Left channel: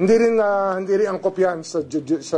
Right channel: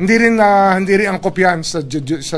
Hindi rin angkop yan sa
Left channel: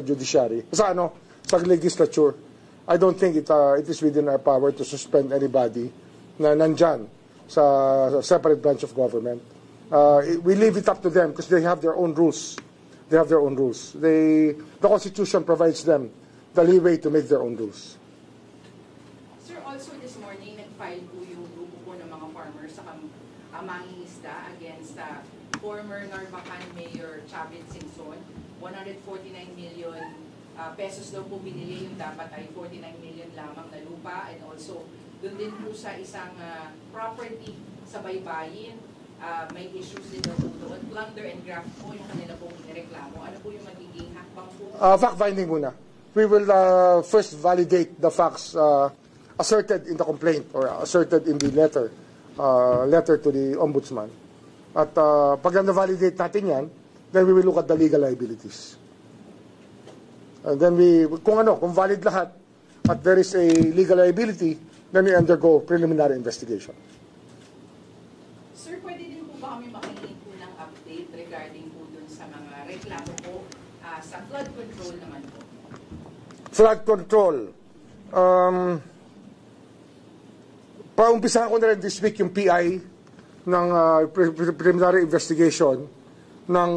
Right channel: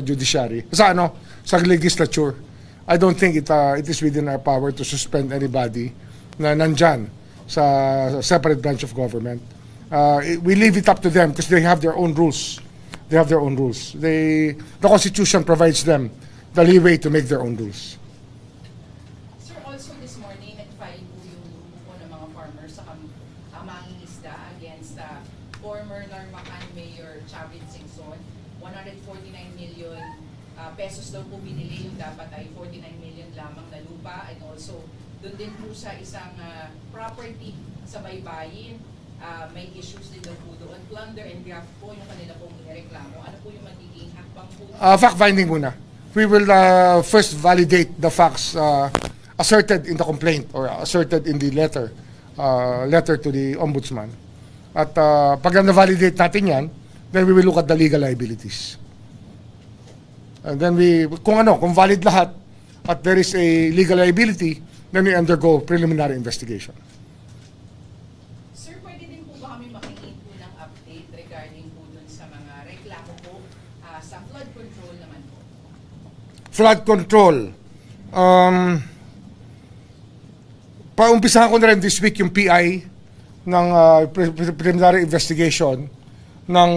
judiciary. Sa legislature. I don't think it is within our power to suspend anybody na nandyan sa separate branch of government. We leave it up to them because they have their own rules. They have their own rules. The Constitution provides them the leeway to make their own rules. Sir, also this morning, nag-file po yung grupo po ng mga farmers sa mangingisda against former Narvacan Mayor Chavit Singson. 149 million pesos daw po binili, yung dapat ay 49 million lamang na lupa, and also doon din po sa isang property sa Baybayin, may issues din na po doon. Plunder and graft po yung kanila pong reklamo. Ano po yung magiging hakbang po? Fact-finding muna. We will first validate the facts asserted in the complaint or asserted in the letter to the Ombudsman. At pag na-validate natin yan, then we will look at the legal liabilities. And then kung valid lahat at there is a legal liability, then we undergo preliminary investigation. Sir, pwede din po ba kami makinig po ng update regarding po dun sa mga reklamo po sa flood control naman po? Flood control. Paumpisahan ko na rin this week yung PI ng preliminary investigation ng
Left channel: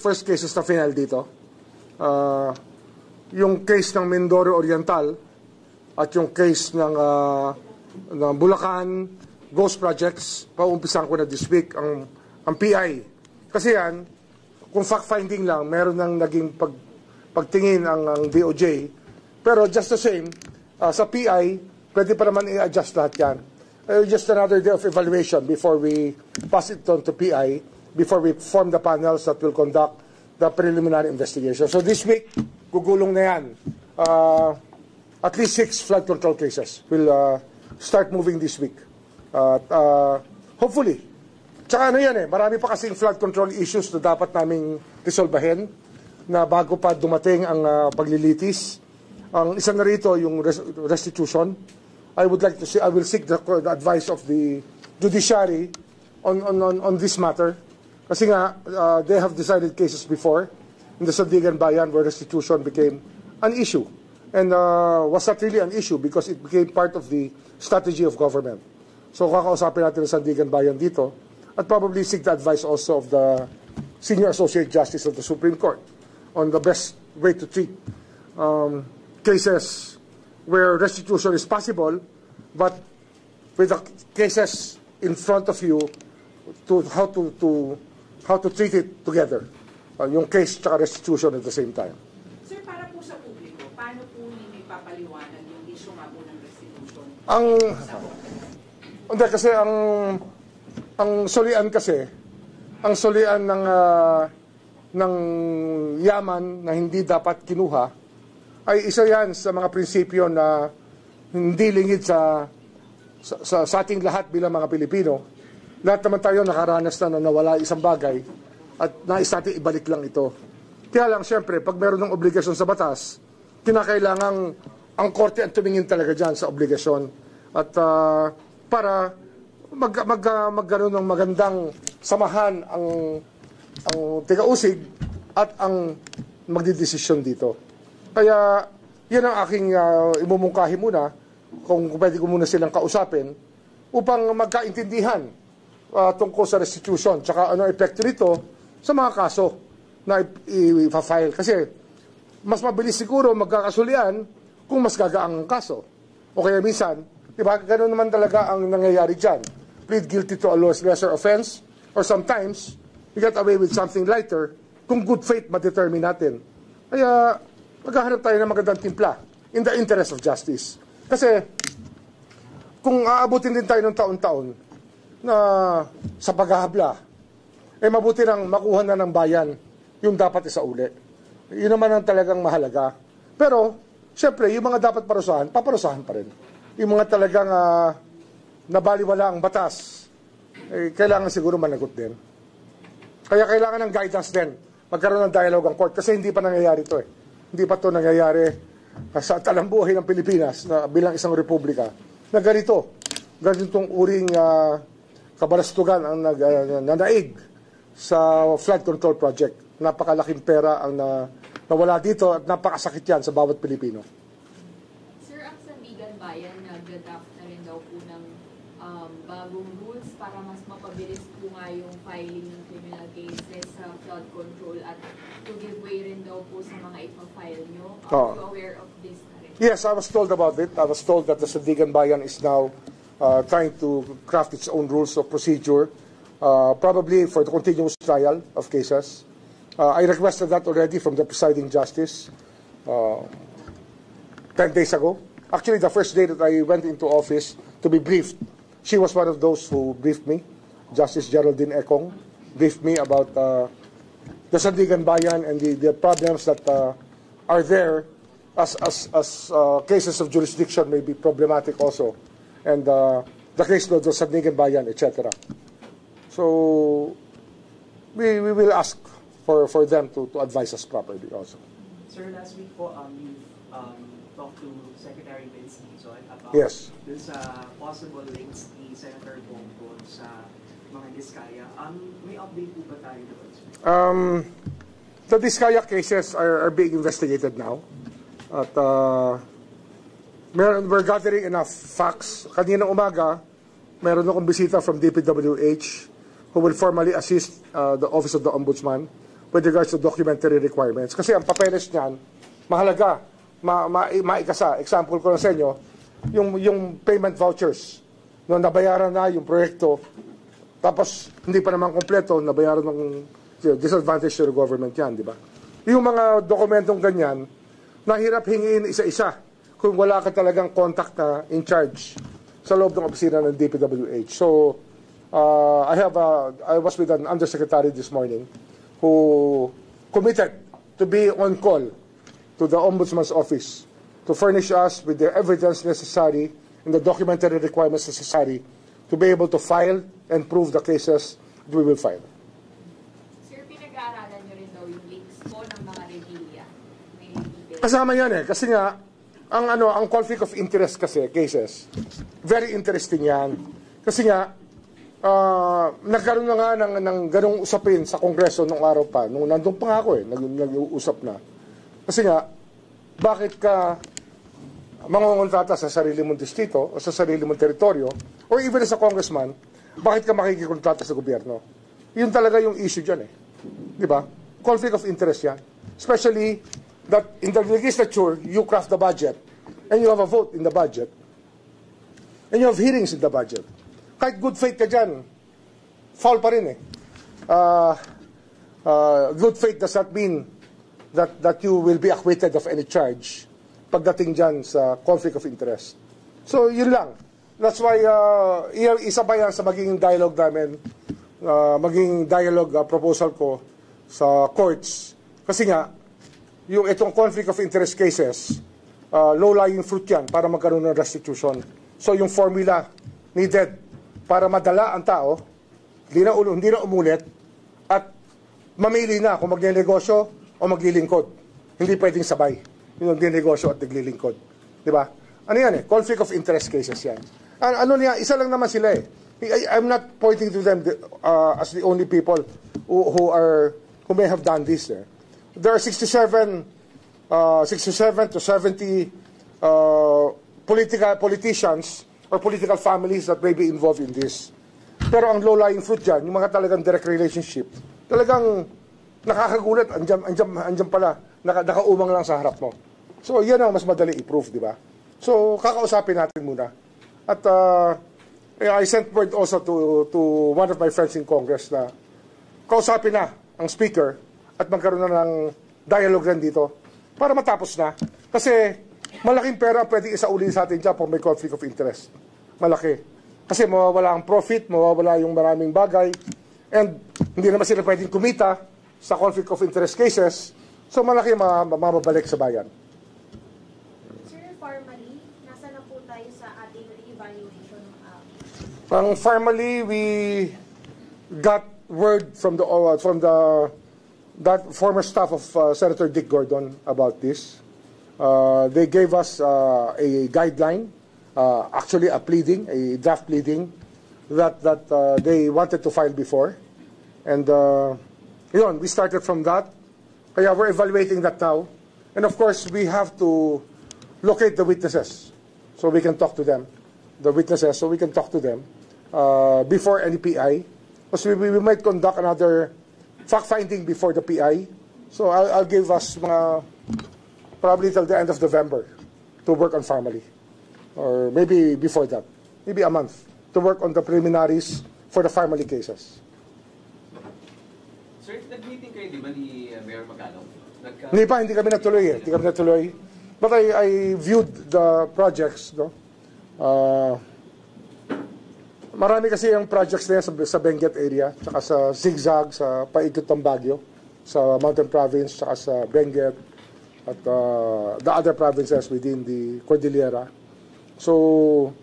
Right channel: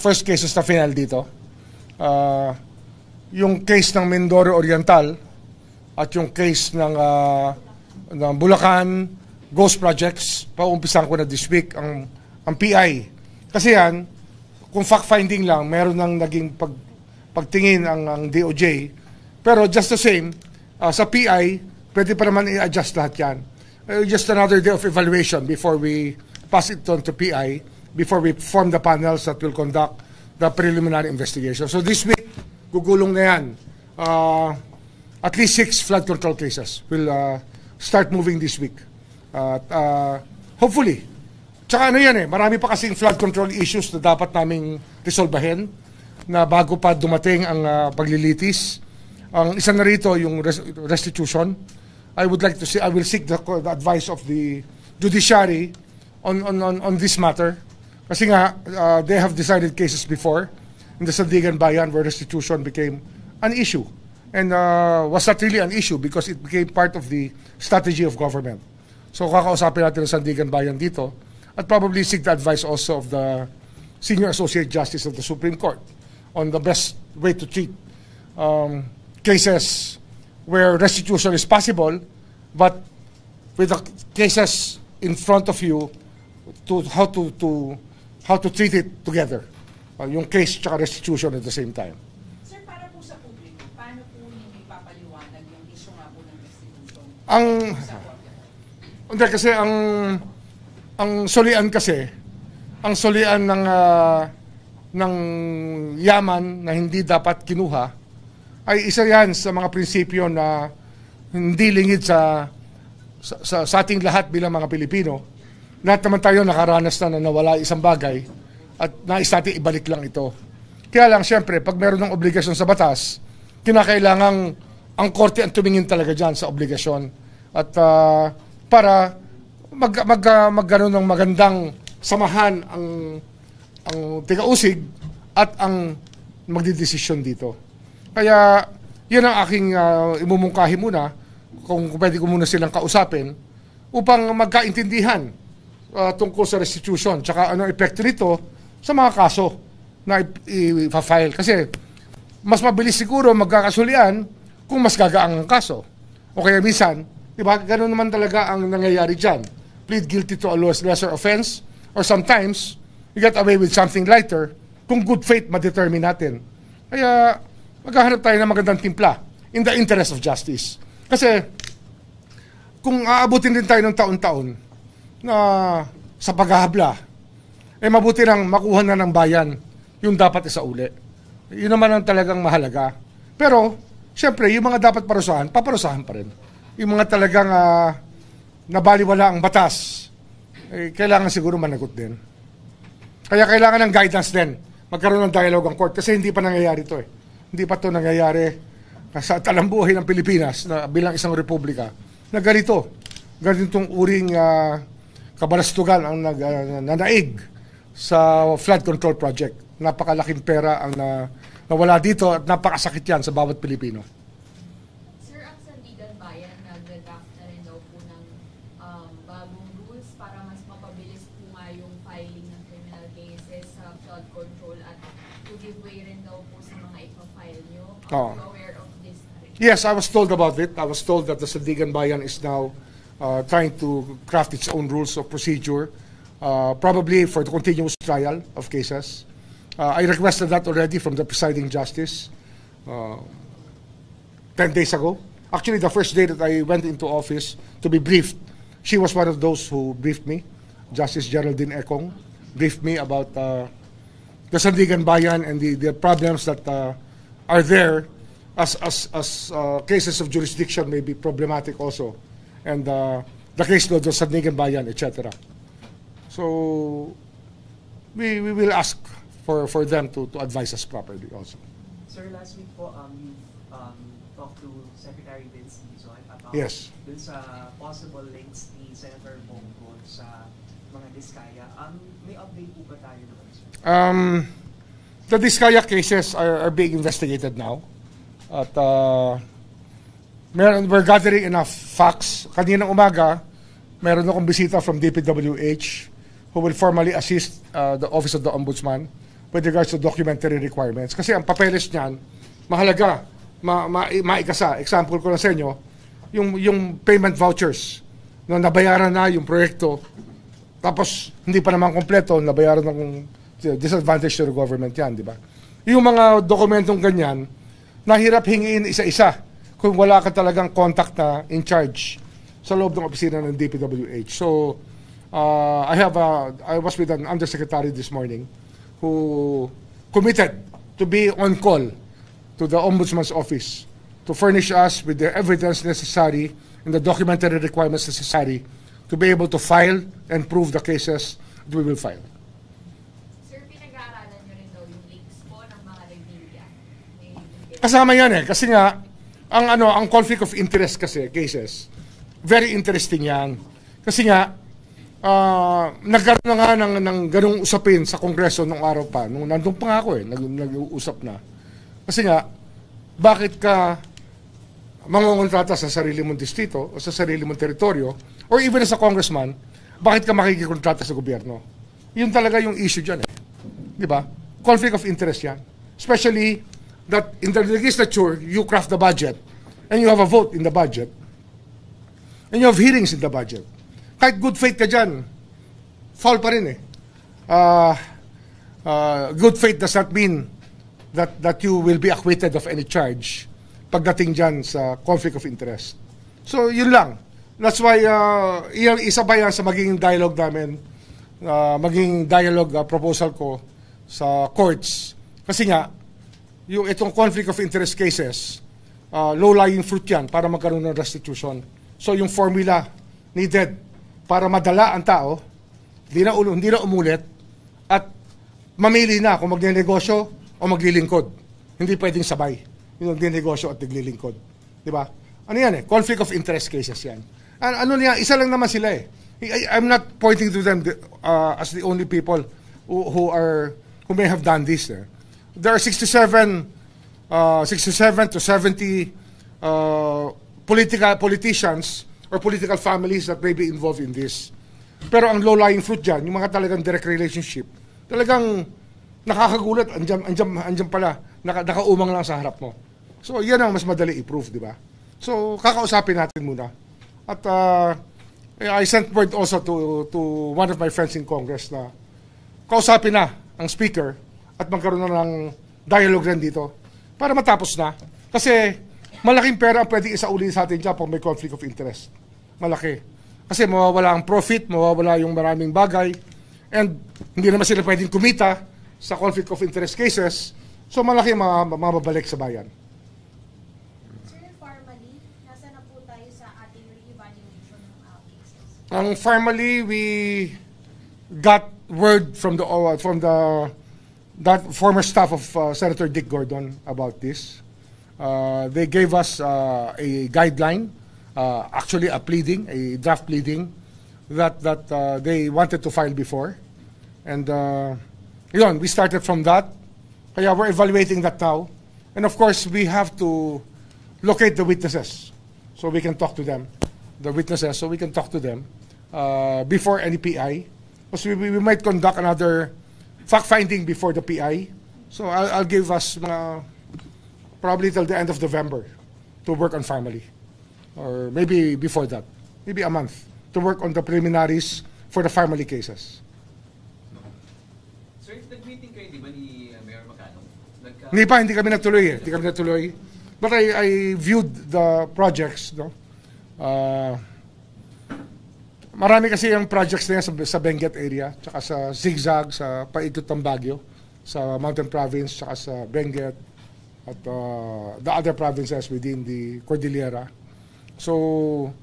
first cases na final dito. Yung case ng Mindoro Oriental at yung case ng Bulacan Ghost Projects, paumpisahan ko na this week ang PI. Kasi yan, kung fact-finding lang, meron nang naging pagtingin ang DOJ. Pero just the same, sa PI, pwede pa naman i-adjust lahat yan. Just another day of evaluation before we pass it on to PI, before we form the panels that will conduct the preliminary investigation. So this week, gugulong na yan. At least 6 flood control cases will start moving this week. Hopefully. Tsaka marami pa kasing flood control issues na dapat naming resolbahin na bago pa dumating ang paglilitis. Ang isa na rito, yung restitution. I will seek the advice of the judiciary on this matter. Kasi nga, they have decided cases before in the Sandigan Bayan where restitution became an issue. And was not really an issue because it became part of the strategy of government. So kakausapin natin ang Sandigan Bayan dito at probably seek the advice also of the Senior Associate Justice of the Supreme Court on the best way to treat cases where restitution is possible, but with the cases in front of you, to how to treat it together. Yung case tsaka restitution at the same time. Sir, para po sa publiko, paano po ninyo ipapaliwanag yung issue nga po ng restitution? Hindi, kasi ang solian ng yaman na hindi dapat kinuha ay isa yan sa mga prinsipyo na hindi lingid sa ating lahat bilang mga Pilipino. Lahat naman tayo nakaranas na nawala isang bagay at nais natin ibalik lang ito. Kaya lang, siyempre, pag meron ng obligasyon sa batas, kinakailangang ang korte ang tumingin talaga dyan sa obligasyon. At para magkaroon ng magandang samahan ang tigausig at ang magdidesisyon dito. Kaya yun ang aking imumungkahi muna, kung pwede ko muna silang kausapin, upang magkaintindihan tungkol sa restitution, tsaka ano epekto nito sa mga kaso na i-file. Kasi mas mabilis siguro magkakasulian kung mas gagaang ang kaso. O kaya minsan, di ba, gano'n naman talaga ang nangyayari dyan. Plead guilty to a lesser offense, or sometimes, you get away with something lighter kung good faith ma-determine natin. Kaya maghahanap tayo ng magandang timpla in the interest of justice. Kasi kung aabutin din tayo ng taon-taon na sa paghahabla, mabuti nang makuha na ng bayan yung dapat isauli. Yun naman ang talagang mahalaga. Pero, siyempre, yung mga dapat parusahan, paparusahan pa rin. Yung mga talagang nabaliwala ang batas, kailangan siguro managot din. Kaya kailangan ng guidance din. Magkaroon ng dialogue ang court kasi hindi pa nangyayari ito. Hindi pa ito nangyayari sa talambuhay ng Pilipinas na bilang isang republika na ganitong uring kabalastugan ang nanaig sa flood control project. Napakalaking pera ang nawala dito at napakasakit yan sa bawat Pilipino. Sir, ang Sandigan Bayan, nag-draft na rin daw po ng bagong rules para mas mapabilis po nga yung filing ng criminal cases sa flood control at to give way rin daw po sa mga ipafile nyo. Are you aware of this na rin? Yes, I was told about it. I was told that the Sandigan Bayan is now trying to craft its own rules of procedure, probably for the continuous trial of cases. I requested that already from the presiding justice 10 days ago. Actually, the first day that I went into office to be briefed, she was one of those who briefed me. Justice Geraldine Ekong briefed me about the Sandigan Bayan and the problems that are there as cases of jurisdiction may be problematic also, and the case of the Sandigan Bayan, etc. So we will ask for them to advise us properly also. Sir, last week po, you talked to Secretary Vince Dizon about Yes. dun sa possible links ni Senator Bongo sa mga Diskaya. May update po ba tayo doon, sir? The Diskaya cases are being investigated now. At we're gathering enough facts. Kaninang umaga, meron akong bisita from DPWH who will formally assist the Office of the Ombudsman with regards to documentary requirements. Kasi ang papeles niyan, mahalaga, maikasa. Example ko lang sa inyo, yung payment vouchers, no, nabayaran na yung proyekto, tapos hindi pa naman kompleto, nabayaran ng disadvantage to the government yan, di ba? Yung mga dokumentong ganyan, nahirap hingiin isa-isa kung wala ka talagang contact na in charge sa loob ng opisina ng DPWH. So, I was with an undersecretary this morning who committed to be on call to the Ombudsman's office to furnish us with the evidence necessary and the documentary requirements necessary to be able to file and prove the cases that we will file. Sir, pinag-aaralan nyo rin daw yung links po ng mga Revilla. Kasama yan eh. Kasi nga, ang conflict of interest kasi, cases, very interesting yan. Kasi nga, nagkaroon na nga ng ganung usapin sa Kongreso nung araw pa. Nung nandun pa nga ako eh, nag-uusap na. Kasi nga, bakit ka mangungontrata sa sarili mong distrito o sa sarili mong teritoryo or even as a congressman, bakit ka makikikontrata sa gobyerno? Yun talaga yung issue dyan eh. Di ba? Conflict of interest yan. Especially that in the legislature, you craft the budget and you have a vote in the budget and you have hearings in the budget. Kahit good faith ka dyan, fall pa rin eh. Good faith does not mean that you will be acquitted of any charge pagdating dyan sa conflict of interest. So, yun lang. That's why, isa pa yan sa magiging dialogue namin, magiging dialogue proposal ko sa courts. Kasi nga, yung itong conflict of interest cases, low-lying fruit yan para magkaroon ng restitution. So, yung formula needed para madala ang tao, hindi na umulit, at mamili na kung magnenegosyo o maglilingkod. Hindi pwedeng sabay yung magnenegosyo at naglilingkod. Di ba? Ano yan eh? Conflict of interest cases yan. Ano niya, isa lang naman sila eh. I'm not pointing to them as the only people who may have done this. Eh. There are 67 to 70 politicians or political families that may be involved in this. Pero ang low-lying fruit dyan, yung mga talagang direct relationship, talagang nakakagulat, andyan pala, nakaumang lang sa harap mo. So, yan ang mas madali i-prove, di ba? So, kakausapin natin muna. At I sent word also to one of my friends in Congress na kausapin na ang speaker at magkaroon na ng dialogue rin dito para matapos na. Kasi malaking pera ang pwede isauli sa atin dyan kung may conflict of interest. Malaki. Kasi mawawala ang profit, mawawala yung maraming bagay, and hindi naman sila pwedeng kumita sa conflict of interest cases, so malaki mamabalik sa bayan. Sir, formally, nasa na po tayo sa ating re-evaluation ng Formally, we got word from that former staff of Senator Dick Gordon about this. They gave us a guideline, actually a draft pleading that they wanted to file before. And yun, we started from that. Kaya we're evaluating that now. And of course, we have to locate the witnesses so we can talk to them. The witnesses, so we can talk to them before any PI. Because we might conduct another fact-finding before the PI. So I'll give us probably till the end of November to work on family. Or maybe before that. Maybe a month to work on the preliminaries for the family cases. Sir, nag-meeting kayo, di ba, ni Mayor Magalong? Hindi kami natuloy. But I viewed the projects, no? Marami kasi yung projects na yan sa Benguet area, tsaka sa Zigzag, sa paikot ng Baguio, sa Mountain Province, tsaka sa Benguet, at the other provinces within the Cordillera. So,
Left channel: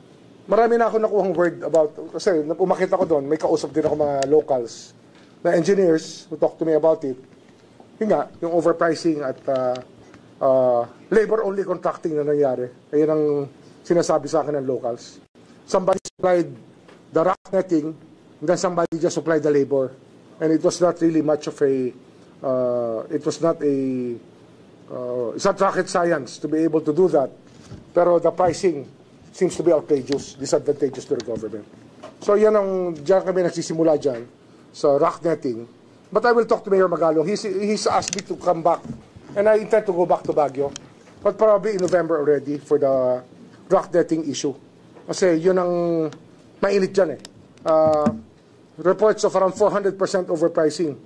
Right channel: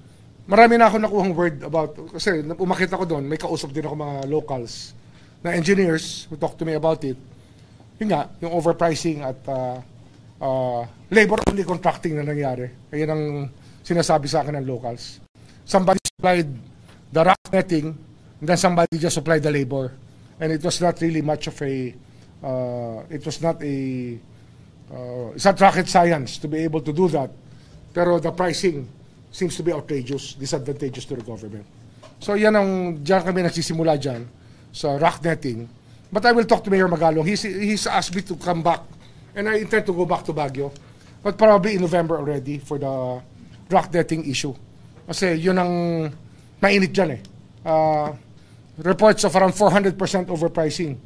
marami na ako nakuhang word about, kasi umakit ako doon, may kausap din ako mga locals na engineers who talk to me about it. Yun nga, yung overpricing at labor-only contracting na nangyari. Ayun ang sinasabi sa akin ng locals. Somebody supplied the rock netting, and then somebody just supplied the labor. And it was not really much of a, it's not rocket science to be able to do that. Pero the pricing seems to be outrageous, disadvantageous to the government. So yan diyan kami nagsisimula dyan, sa rock netting. But I will talk to Mayor Magalong. He's asked me to come back, and I intend to go back to Baguio. But probably in November already for the rock netting issue. Kasi yun ang mainit dyan eh. Reports of around 400% overpricing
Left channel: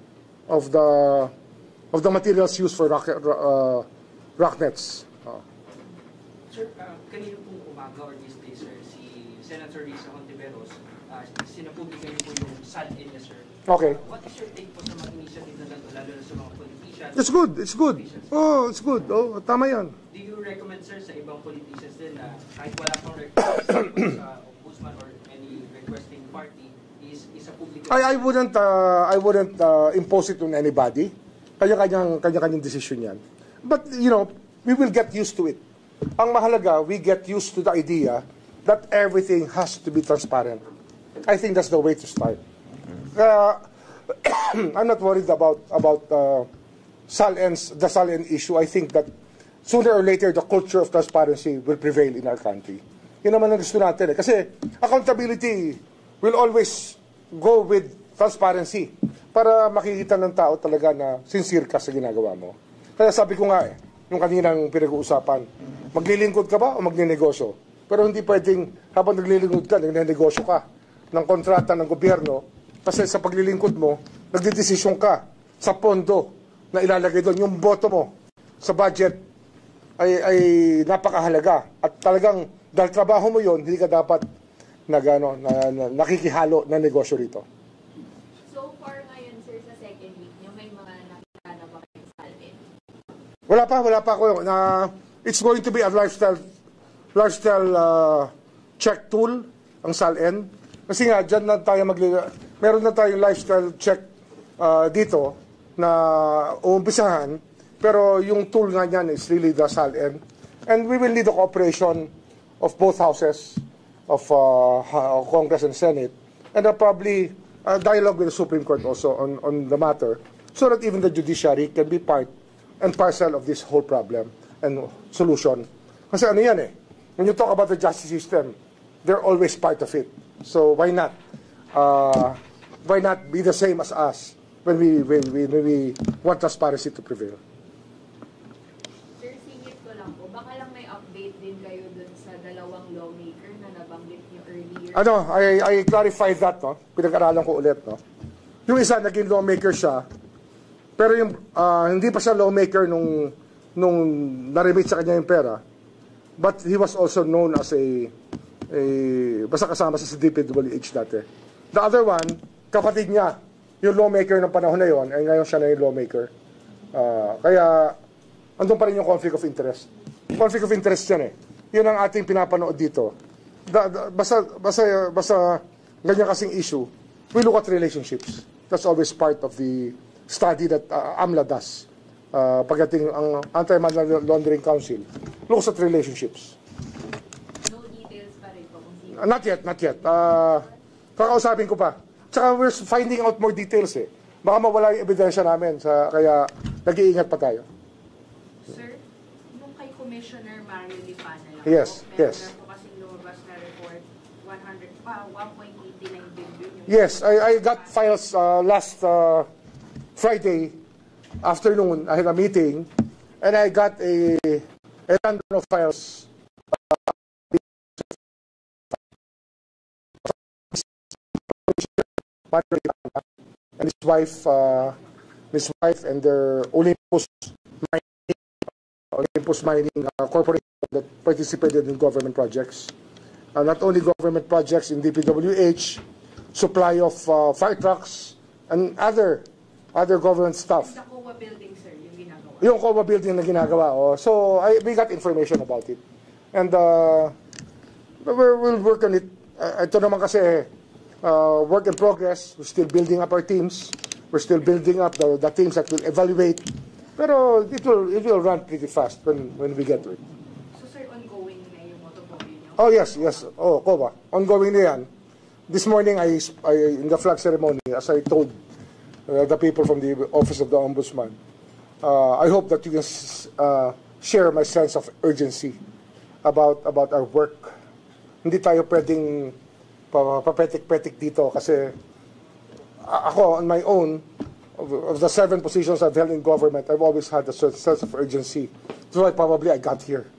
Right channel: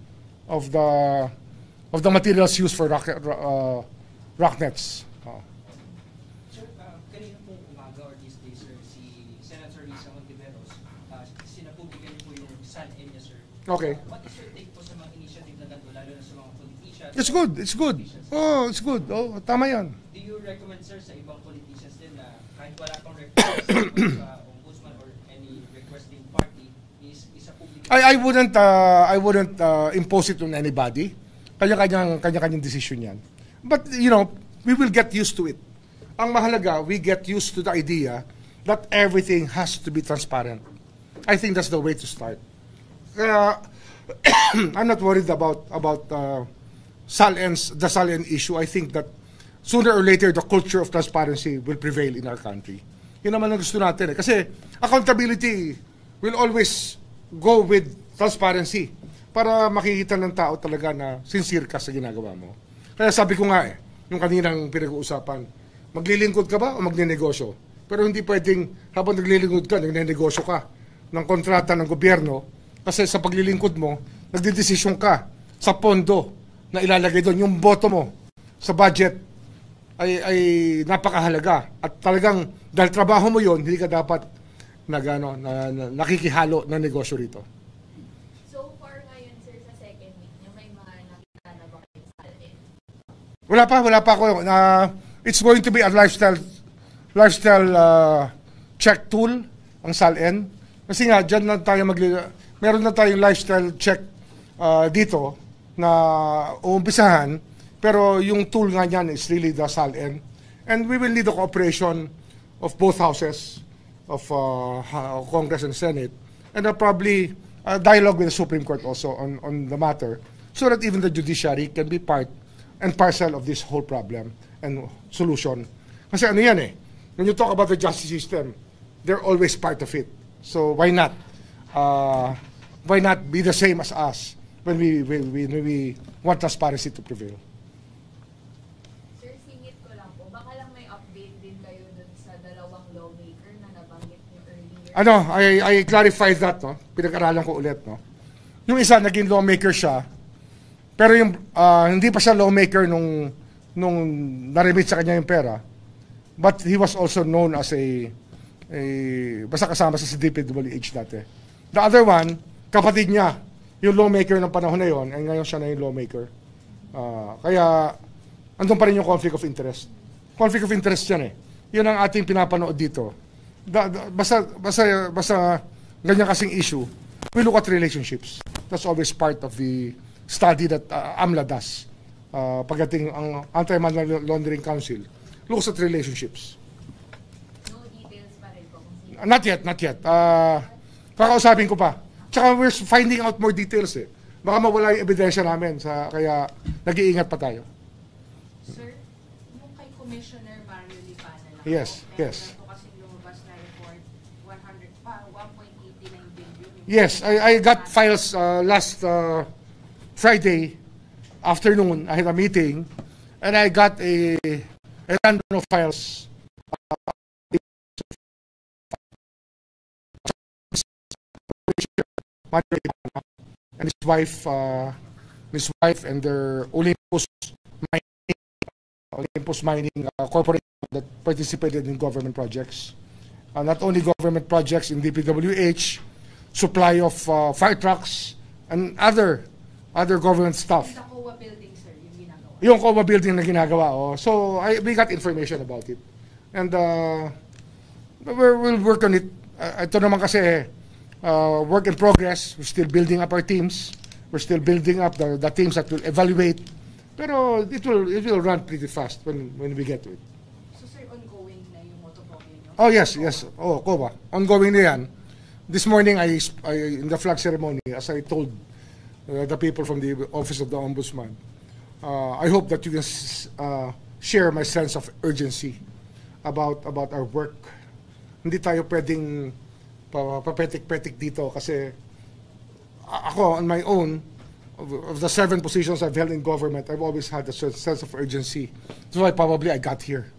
of the materials used for rock nets. Sir, kanina pong umaga or this day, sir, si Senator Risa Hontiveros, sinapublikay niyo po yung SALN niya, sir. Okay. What is your take po sa mga initiative na ganito, lalo na sa mga politicians? It's good. Oh, it's good. Oh, tama yan. Do you recommend, sir, sa ibang politicians din na kahit wala pong request sa ombudsman or any requesting party, is a public... I wouldn't impose it on anybody. Kanya-kanyang decision yan. But, you know, we will get used to it. Ang mahalaga, we get used to the idea that everything has to be transparent. I think that's the way to start. I'm not worried about the SALN issue. I think that sooner or later, the culture of transparency will prevail in our country. Yun naman ang gusto natin eh. Kasi accountability will always go with transparency para makikita ng tao talaga na sincere ka sa ginagawa mo. Kaya sabi ko nga eh, nung kaninang pinag-uusapan, maglilingkod ka ba o magninegosyo? Pero hindi pwedeng habang naglilingkod ka, nagnenegosyo ka ng kontrata ng gobyerno kasi sa paglilingkod mo, nagdidesisyon ka sa pondo na ilalagay doon. Yung boto mo sa budget ay napakahalaga. At talagang dahil trabaho mo yun, hindi ka dapat nakikihalo na negosyo rito. So far ngayon, sir, sa second week niyo, may mga nakita na ba kayo sa SALN? Wala pa ako. It's going to be a lifestyle check tool, ang SALN. Kasi nga, dyan na tayo meron na tayong lifestyle check dito na uumpisahan. Pero yung tool nga niyan is really the SALN. And we will need the cooperation of both houses of Congress and Senate. And probably dialogue with the Supreme Court also on the matter so that even the judiciary can be part and parcel of this whole problem and solution. Kasi ano yan eh, when you talk about the justice system, they're always part of it. So why not? Why not be the same as us when we want transparency to prevail? Sir, singit ko lang po. Baka lang may update din kayo dun sa dalawang lawmaker na nabanggit niyo earlier. I clarified that, no? Pinag-aralan ko ulit, no? Yung isa, naging lawmaker siya, pero yung hindi pa siya lawmaker nung na-remit sa kanya yung pera, but he was also known as basta kasama sa DPWH dati. The other one, kapatid niya, yung lawmaker ng panahon na yon, ay ngayon siya na yung lawmaker. Kaya, andun pa rin yung conflict of interest. Conflict of interest yan eh. Yun ang ating pinapanood dito. Basta ganyan kasing issue, we look at relationships. That's always part of the study that AMLA does. Pagdating ang Anti-Money Laundering Council, looks at relationships. No details pa rin po kung sino. Not yet. Kakausapin ko pa. Tsaka we're finding out more details eh. baka mawala yung ebidensya namin. Kaya nag-iingat pa tayo. Sir, yung kay Commissioner Mario Lipana lang Yes, po, yes. meron po kasi lumabas na report, 1.89 billion. Yes, I got files last Friday afternoon. I had a meeting, and I got a random of files. And his wife and their Olympus Mining Corporation that participated in government projects. Not only government projects in DPWH, supply of fire trucks, and other government stuff. Sa COA building, sir, yung ginagawa. Yung COA building na ginagawa. So we got information about it. And we'll work on it. Ito naman kasi work in progress. We're still building up our teams. We're still building up the teams that will evaluate. Pero it will run pretty fast when we get to it. So, sir, ongoing na yung motorhome. Oh, yes. Oh, COA. Ongoing na yan. This morning, I in the flag ceremony, as I told the people from the Office of the Ombudsman, I hope that you can share my sense of urgency about our work. Hindi tayo pwedeng papetik-petik dito kasi ako, on my own, of the 7 positions I've held in government, I've always had a sense of urgency. So probably I got here.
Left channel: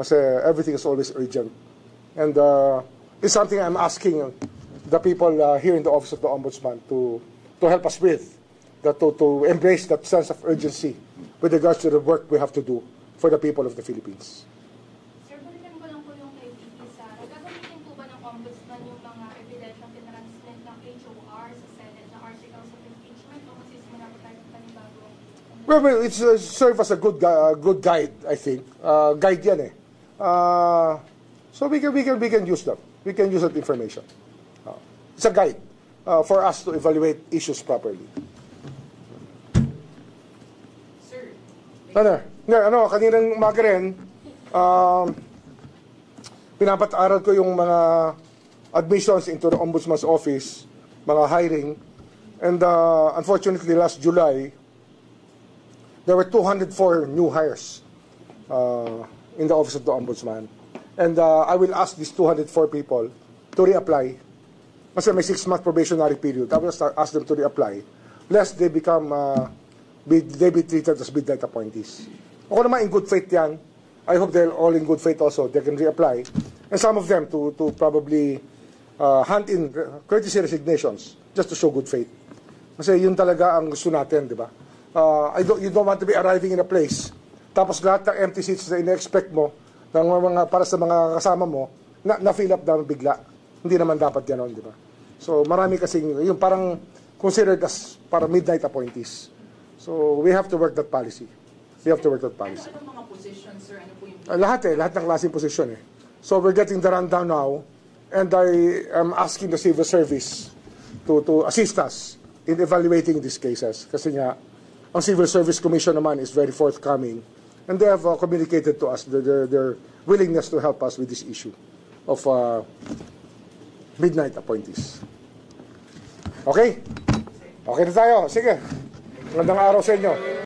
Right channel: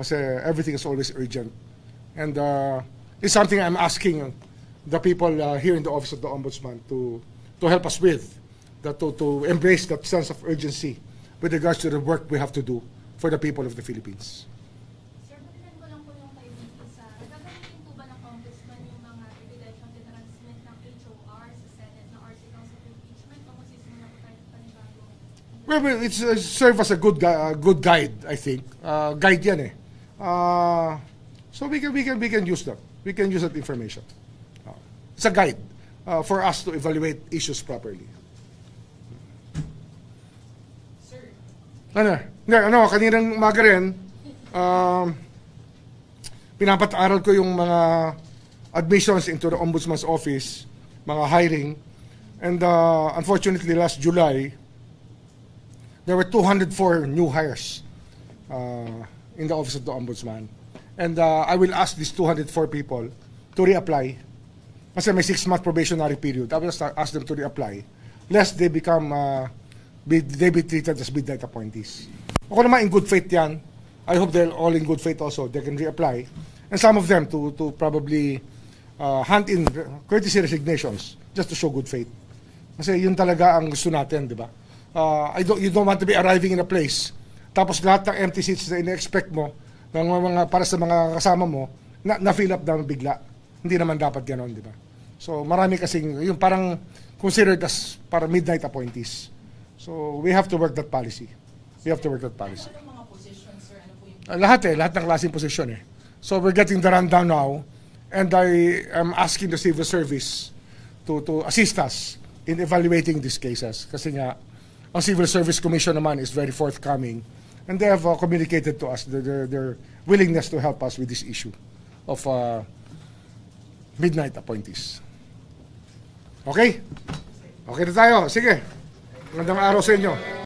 Kasi everything is always urgent. And it's something I'm asking the people here in the Office of the Ombudsman to help us with, to embrace that sense of urgency with regards to the work we have to do for the people of the Philippines. Sir, balikan ko lang po yung kay VP Sara. Gagamitin po ba ng Ombudsman yung mga ebidensyang tinransmit ng HOR sa Senate na articles of impeachment o magsisimula po tayo ng panibago? Well, it's serve as a good guide, I think. Guide yan eh. So we can use that. We can use that information. It's a guide for us to evaluate issues properly. Sir, Kaninang umaga rin, pinapat-aral ko yung mga admissions into the Ombudsman's office, mga hiring. And unfortunately, last July, there were 204 new hires in the Office of the Ombudsman. And I will ask these 204 people to reapply. Kasi may 6-month probationary period. I will ask them to reapply, lest they become, they be treated as midnight appointees. Ako naman, in good faith yan. I hope they're all in good faith also. They can reapply. And some of them to probably hand in courtesy resignations just to show good faith. Kasi yun talaga ang gusto natin, di ba? You don't want to be arriving in a place, tapos lahat ng empty seats na ina-expect mo para sa mga kasama mo, na-fill up naman bigla. Hindi naman dapat gano'n, di ba? So marami kasing, yung parang considered as para midnight appointees. So we have to work that policy. We have to work that policy. ano mga positions, sir? Ano po yung Lahat ng klaseng posisyon eh. So we're getting the rundown now, and I am asking the civil service to assist us in evaluating these cases. Kasi nga, ang Civil Service Commission naman is very forthcoming, and they have communicated to us their willingness to help us with this issue of midnight appointees. Okay? Okay na tayo. Sige. Magandang araw sa inyo.